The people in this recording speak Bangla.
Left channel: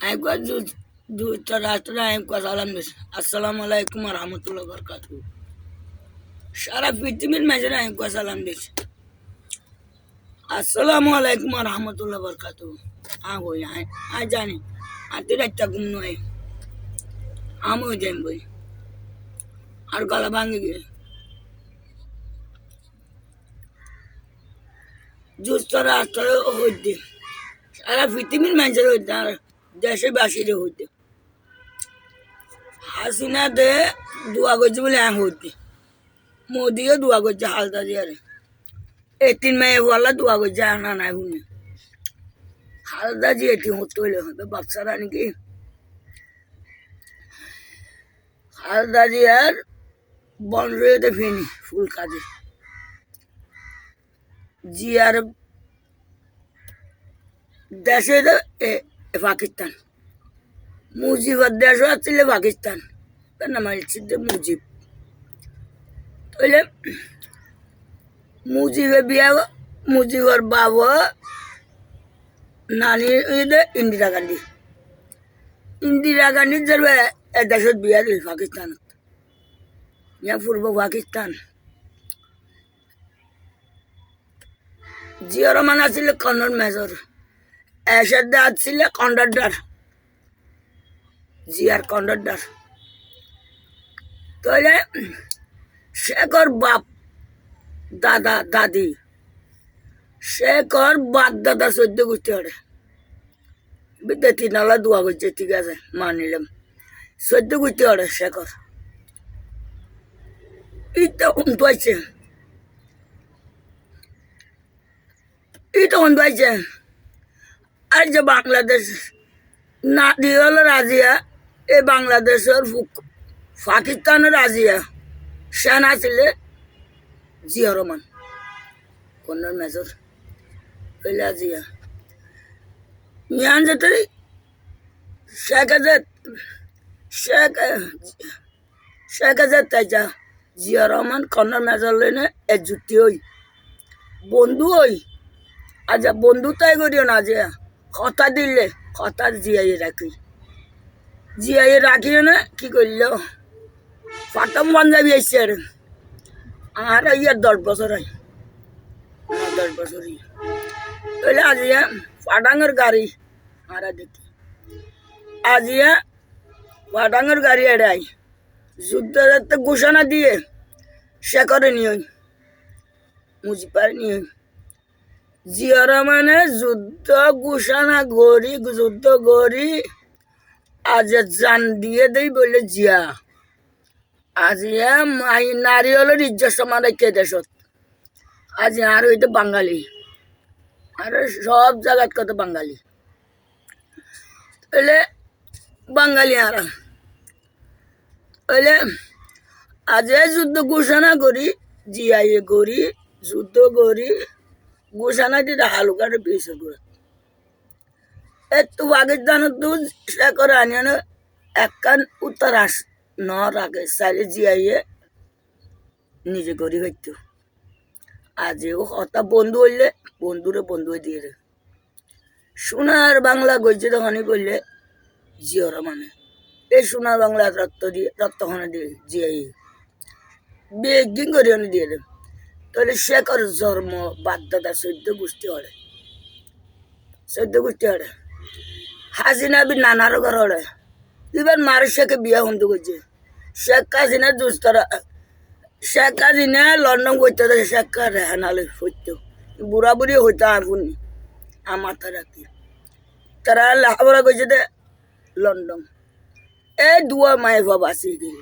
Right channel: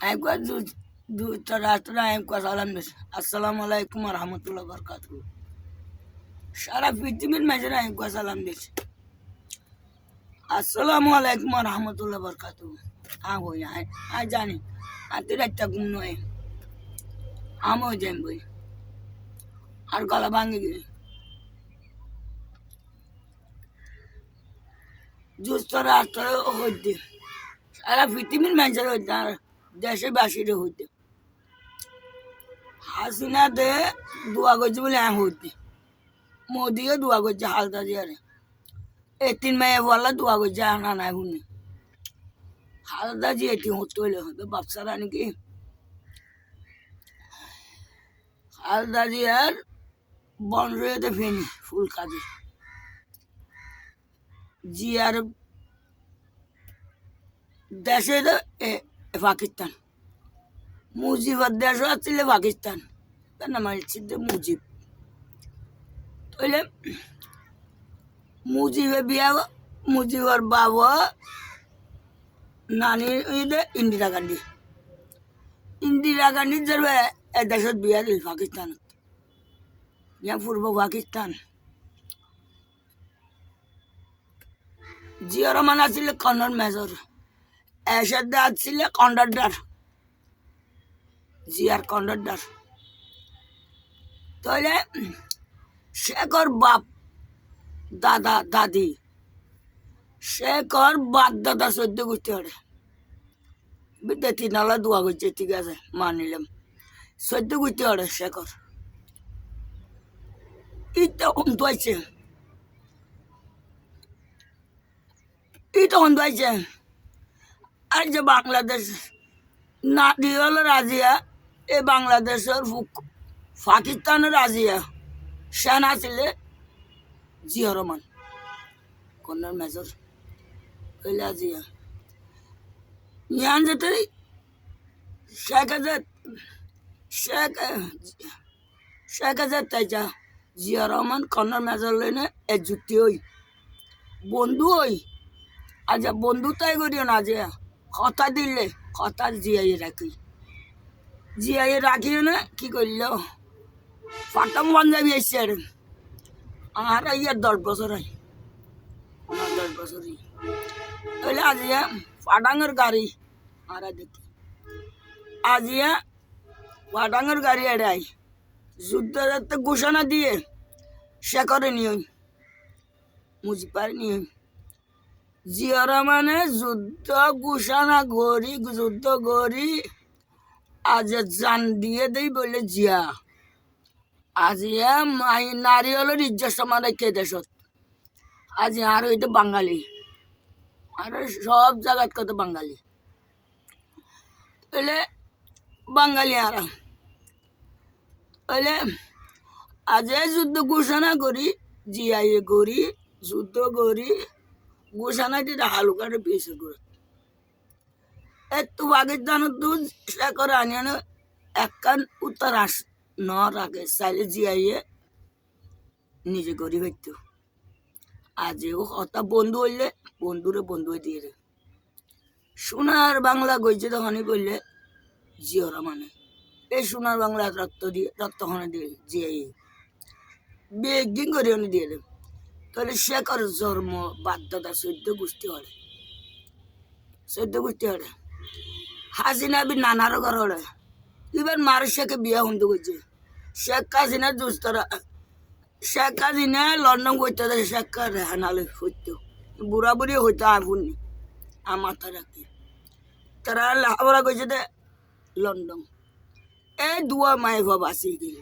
একবার দুইটা রাষ্ট্র একবার সালাম দিস আসসালামু আলাইকুম রহমতুল্লাহ বরকাতু সারা পৃথিবীর মাঝে একবার সালাম দিস আসসালামু আলাইকুম রহমতুল্লাহ বরকাতু হই জানি আতির একটা ঘুম নয় আমিও যাই বই আর গলা ভাঙে গিয়ে দুষ্ট রাষ্ট্র হইতে সারা পৃথিবীর মানুষের হইতে আর দেশের বাসীর হইতে হাসিনা দে দোয়া করছে বলে হইতে মোদিও দোয়া করছে হালদা দিয়ে এই 3 মেয়ে বলা দোয়া করছে আনা নাই শুনে হালদা দিয়ে এটি হতে হইলে হবে বাচ্চারা নাকি হালদা জিয়ার বন রয়েতে ফেনি ফুল কাজে জিয়ার দেশে পাকিস্তান মুজিবর দেশ আসছিল পাকিস্তান তার নাম হচ্ছে মুজিব তাইলে মুজিবে বিয়া মুজিবর বাবা নানি ইন্দিরা গান্ধী যে দেশত বিয়া দিল পাকিস্তানত ইয়া পূর্ব পাকিস্তান জিয়া রহমান আছিল কর্নেল মেজর এরশাদ আছিল কন্ডাক্টর জিয়ার কন্ডাক্টর তাহলে শেখর বাপ দাদা দাদি শেখর বাপ দাদা 14 গোষ্ঠী হরে বিদ্যার্থী নালা দোয়া করছে ঠিক আছে মানিলাম 14 গোষ্ঠী হরে শেখর ইটা অন্তাইছে আর যে বাংলাদেশ না দিয়ে হলো রাজিয়া এই বাংলাদেশের পাকিস্তানের রাজিয়া সেনা ছিল জিয়া রহমান কর্নেল মেজর হইলা জিয়া ইয়ান যেতে শেখ হাজার তাইজা জিয়া রহমান কর্নেল মেজর লইনে একজুটি হই বন্ধু হই আচ্ছা বন্ধু তাই করিও না যে কথা দিলে কথা জিয়াই রাখিও না কি করল ফাটম পাঞ্জাবি আসছে আর ইয়ার 10 বছর হয় 10 বছর তাহলে আজিয়া ফাটাঙের গাড়ি আর দেখি আজিয়া ফাটাঙের গাড়ি এড়াই যুদ্ধের ঘোষণা দিয়ে সে করে নিয়ে মুজিবার নিয়ে জিয়া রহমানে যুদ্ধ ঘোষণা যুদ্ধ করি আজ জান দিয়ে দেই বলে জিয়া আজিয়া মাই নারী হলো ইজ্জত সমান রেখে দেশত আজ আর হইতে বাঙালি আর সব জায়গার কত বাঙালি তাহলে বাঙালি আর তাহলে আজ যুদ্ধ ঘোষণা করি জিয়াই করি যুদ্ধ করি ঘোষণা দিতে হালুকাটা পেয়েছে করে একটু পাকিস্তানের তো সে করে আনিয়ে একখান উত্তর নর আগে চাইলে জিয়াইয়ে নিজে করি হইতো আজ ও কথা বন্ধু হইলে বন্ধুরে বন্ধু দিয়ে দে সোনার বাংলা গইছে তখনই করলে জিয়রা মানে এই সোনার বাংলা রক্তখানে দিয়ে জিয়াই বিয়ে করি দিয়ে দেব তাহলে শেখর জন্ম বাধ্যতা 14 গোষ্ঠী হরে 14 গোষ্ঠী হরে হাসিনা বি নানার ঘর হরে এবার মার শেখে বিয়া হন্তু করছে শেখ হাসিনা দুস্তরা শেখ হাসিনা লন্ডন করতে শেখ রেহানালে হইতো বুড়া বুড়ি হইতো আগুনি আমার তারা কি তারা লেখাপড়া করছে লন্ডন এই দুয়া মায়ের বাবা আসি